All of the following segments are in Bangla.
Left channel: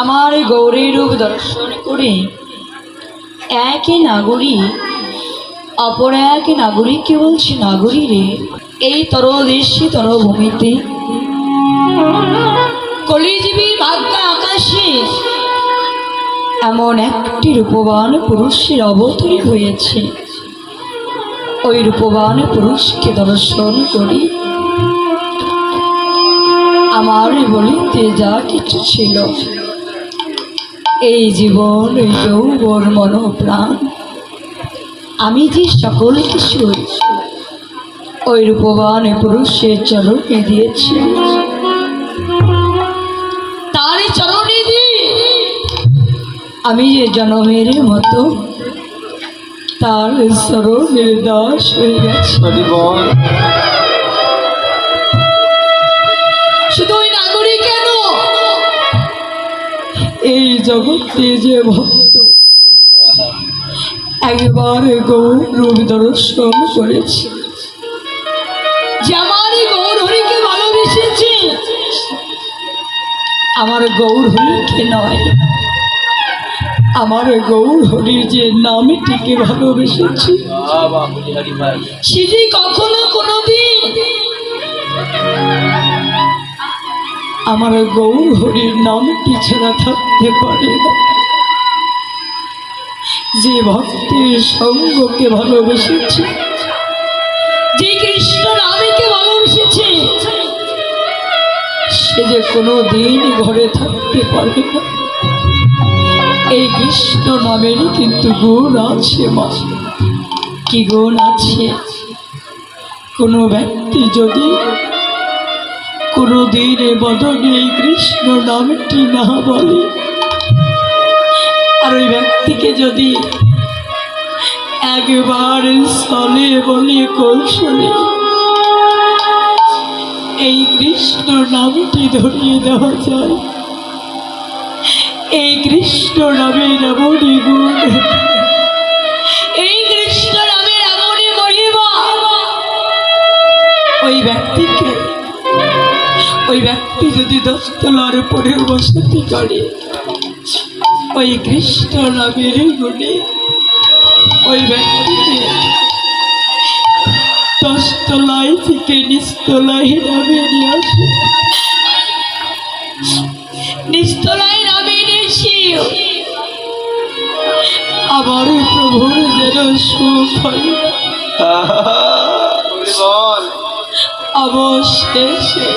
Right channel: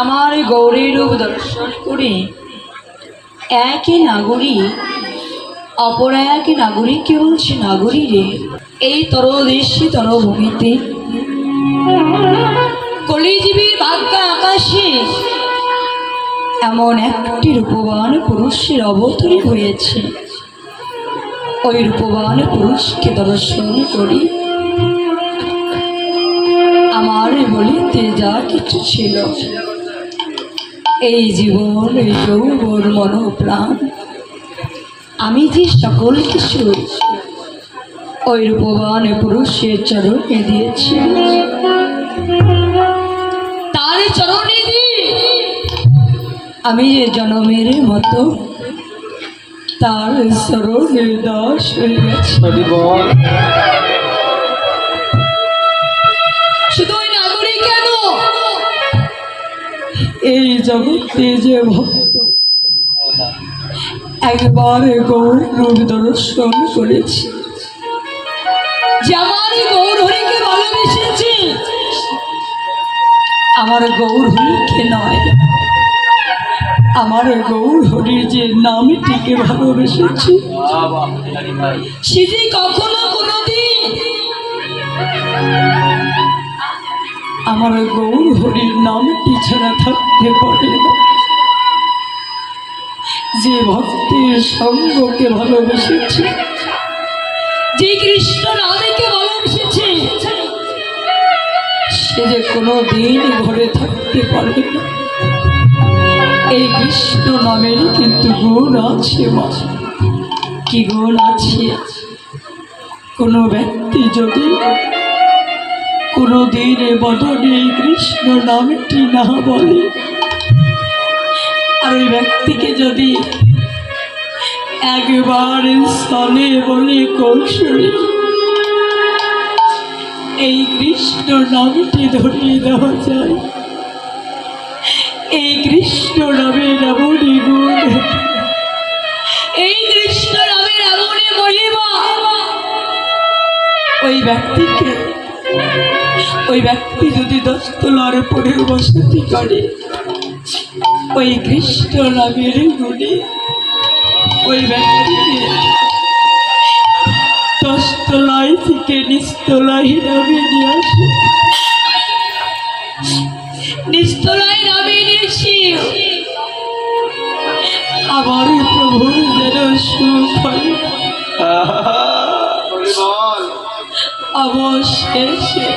আমার গৌরী রূপ দর্শন করে এক নাগরী অপর এক নাগরিককে বলছি, নাগরী রে, এই তরদেশে তরভূমিতে কলিজীবী ভাগ্য আকাশে এমন একটি রূপবান পুরুষের অবতরণ হয়েছে। ওই রূপবান পুরুষকে দর্শন করি আমার বলিতে যা কিছু ছিল, এই জীবন, এই যৌবন, মন প্রাণ, আমি যে সকল কিছু ওই রূপবান পুরুষের চরণে দিয়েছি। তার চরণে দিয়ে আমি যে জনমের মতো তার চরণের দাস হয়ে গেছি। শুধু ওই নাগরিক কেন, এই জগতে যে ভক্ত একবার গৌর রূপ দর্শন করেছে, যে আমার গৌর হরিকে ভালোবেসেছে, আমার গৌর হরিকে নয়, আমার গৌর হরির যে নামটিকে ভালোবেসেছে, সে যে কখনো কোনোদিন আমার গৌর হরির নামটি ছাড়া থাকতে পারে না। যে ভক্তের সঙ্গকে ভালোবেসেছে, যে কৃষ্ণ রাধাকে ভালোবেসেছে, সে যে কোনো দিন ঘরে থাকতে পারবে না। এই কৃষ্ণ নামেরই কিন্তু গুণ আছে মা। কি গুণ আছে? কোনো ব্যক্তি যদি কোনো দিনের বদলে এই কৃষ্ণ নামটি না বলে, আর ওই ব্যক্তিকে যদি একবার স্থলে বলে কৌশলে এই কৃষ্ণ নামটি ধরিয়ে দেওয়া যায়, এই কৃষ্ণ নামের এমনই গুণ, এই কৃষ্ণ নামের এমনই মহিমা, ওই ব্যক্তি যদি 10 তলার উপরে বসতি করে, ওই কৃষ্ণ নামের গুণে ওই ব্যক্তিকে 10 তলায় থেকে নিচতলায় নামিয়ে নিয়ে আসে। নিচতলায় নামিয়ে নিয়েছি আমার প্রভুর যেন সুখ হয়। অবশেষে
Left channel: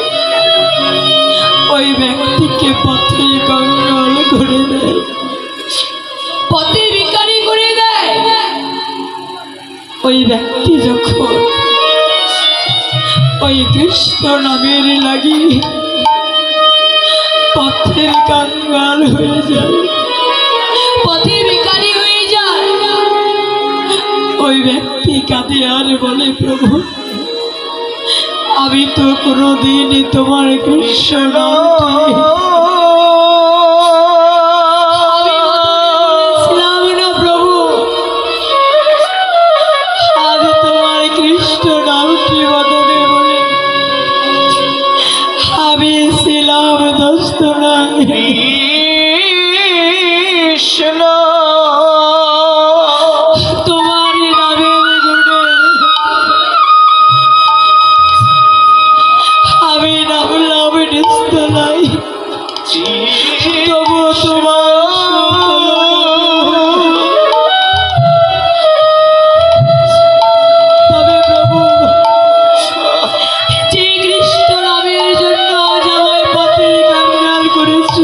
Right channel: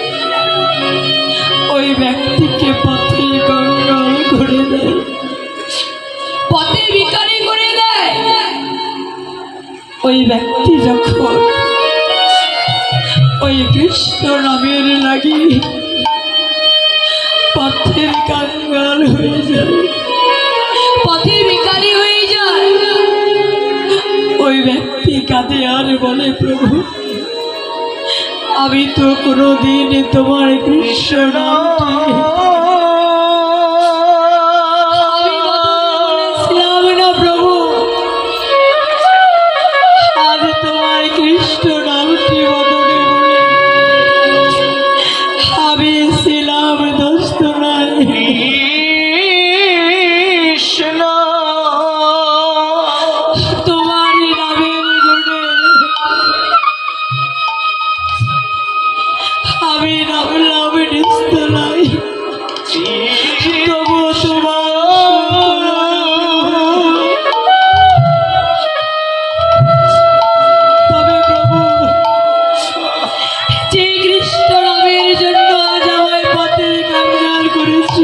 ওই ব্যক্তিকে পথে গঙ্গাল করে দেয়, পথে ভিখারি করে দেয়। ওই ব্যক্তি যখন ওই কৃষ্ণ নামের লাগি পথের কাঙ্গাল হয়ে যায়, পথে ভিখারি হয়ে যায়, ওই ব্যক্তি কাঁদে আর বলে, প্রভু আমি তো কোনোদিন তোমার কৃষ্ণ নামটি বলেছিলাম না প্রভু, আজ তোমার কৃষ্ণ নামটি বদলে বলে আমি ছিলাম 10 তলায় কৃষ্ণ তোমার নামের গুণে আমি নামলাম নিচতলায়, তবুও তোমার তবে প্রভু যে কৃষ্ণ নামের জন্য আজ আমায় পথে কাঙ্গাল করেছ,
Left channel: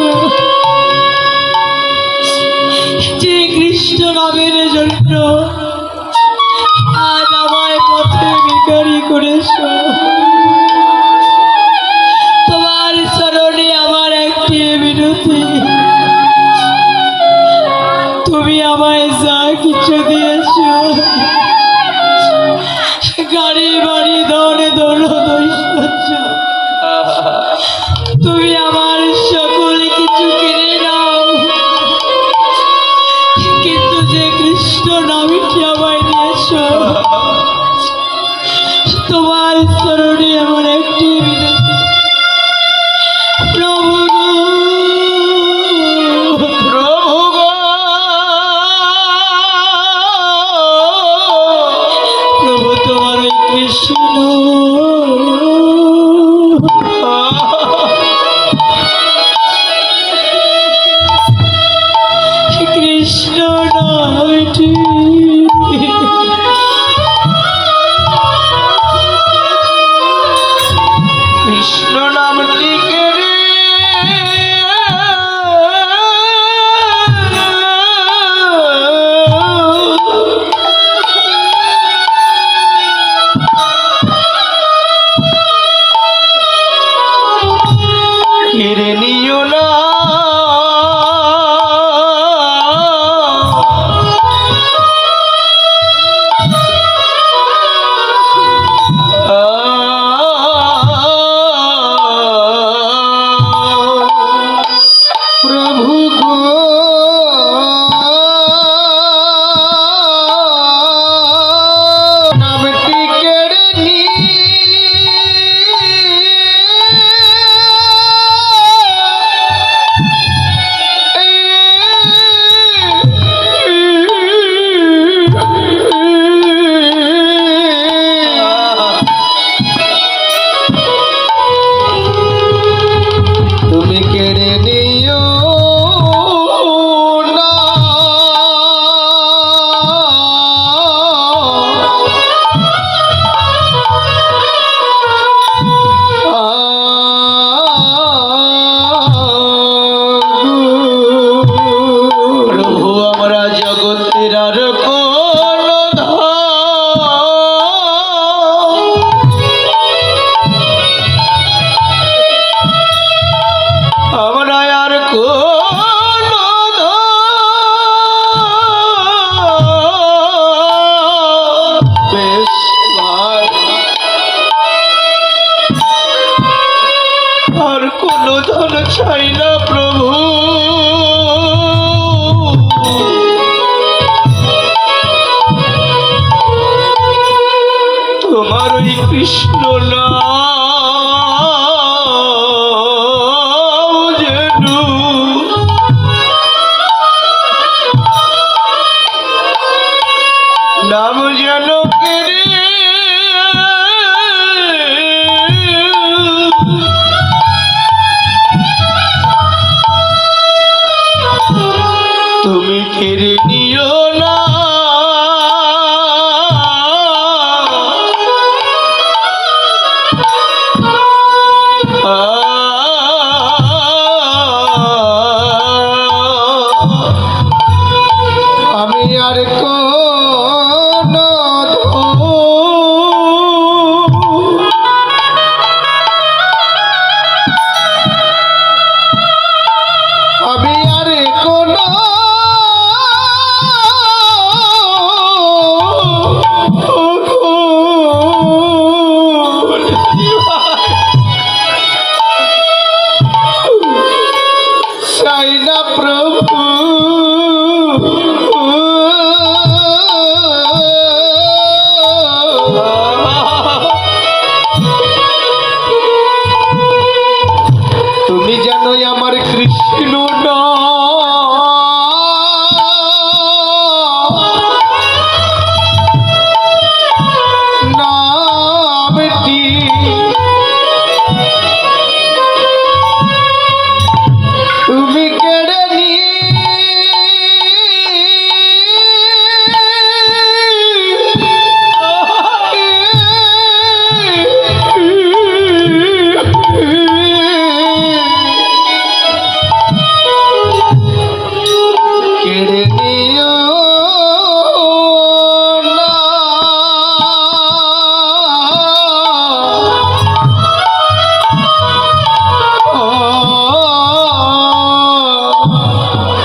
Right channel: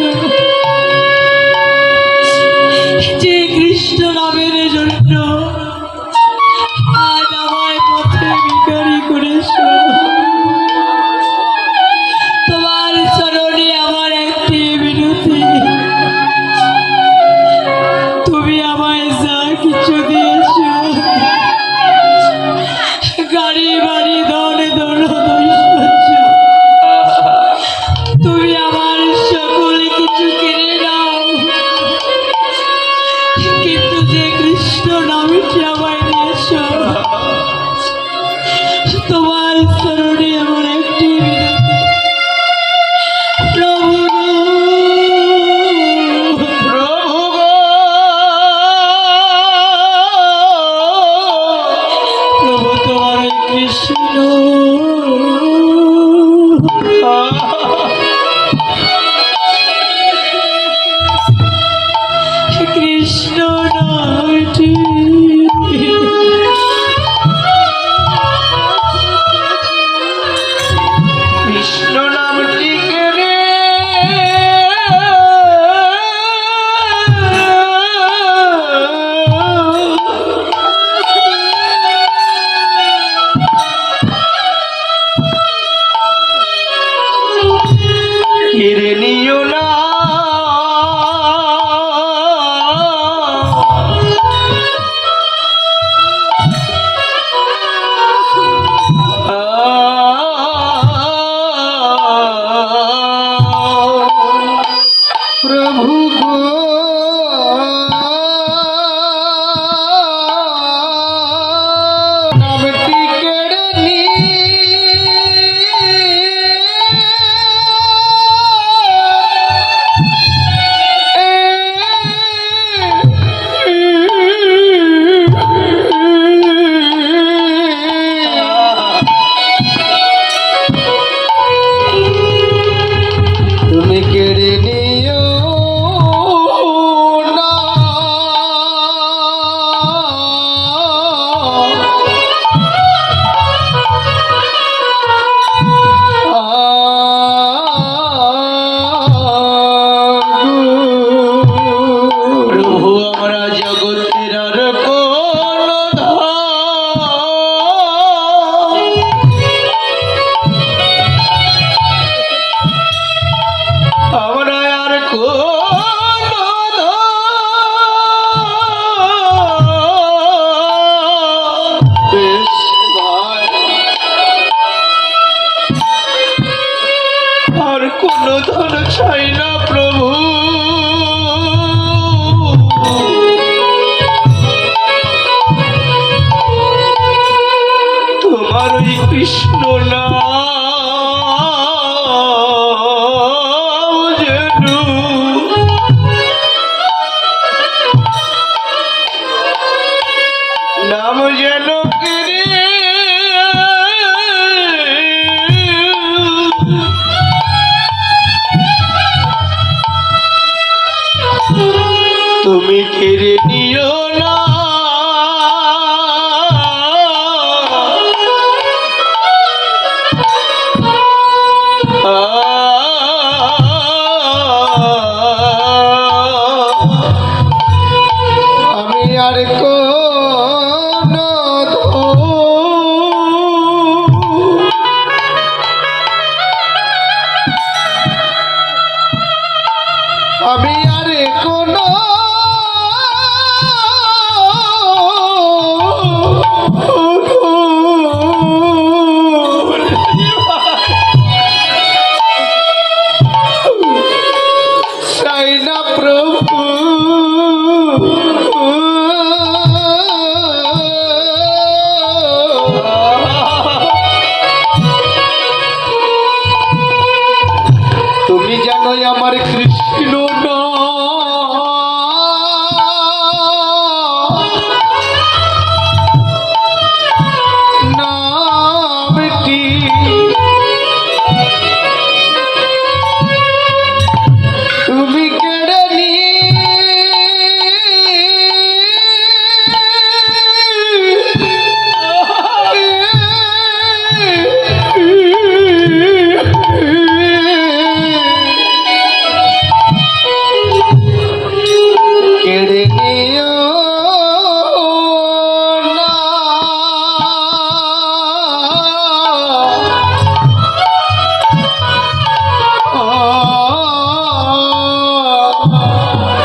যে কৃষ্ণ নামের জন্য আজ আমায় পথে ভিখারি করেছ, তোমার চরণে আমার একটি বিনতি, তুমি আমায় যা কিছু দিয়েছ, গাড়ি বাড়ি ধন দৌলত ঐশ্বর্য, তুমি আমার সকল কিছু কিনে নাও, কিন্তু যে কৃষ্ণ নামটি আমায় দিয়েছ, তোমার চরণে আমার একটি বিনতি, প্রভু প্রভু গো নামটি কেড়ে নি তুমি কেড়ে নিও না প্রভু আমরা জগতের আর কোন আমরা আর কোন বেশ ভাই আর কোন ধন চাই না প্রভু তোমার ওই কৃষ্ণ নাম যেন কেড়ে তুমি কেড়ে নিও না আমি আর কোন আমি আর কোন চাই না প্রভু তুমি জানোই আমার কৃষ্ণ নামটি তুমি কেড়ে নি কেড়ে নিও না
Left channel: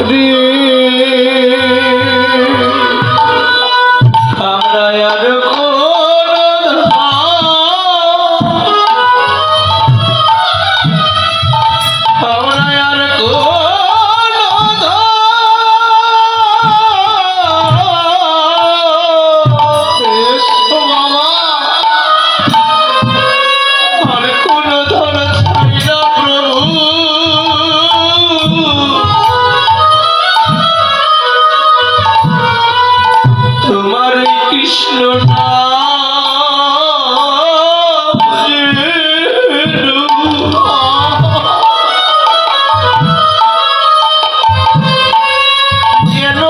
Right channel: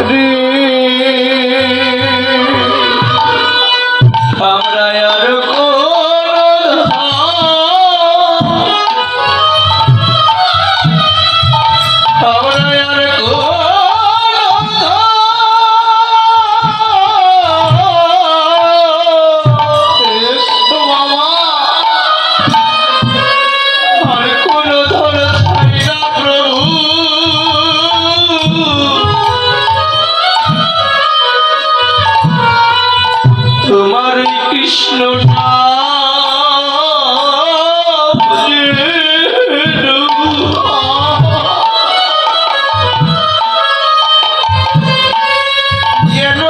রে আমরা আর কোন আমরা আর কোন বেশ বাবা আর কোন ধন চাই না প্রভু তোমার এই কৃষ্ণ যেন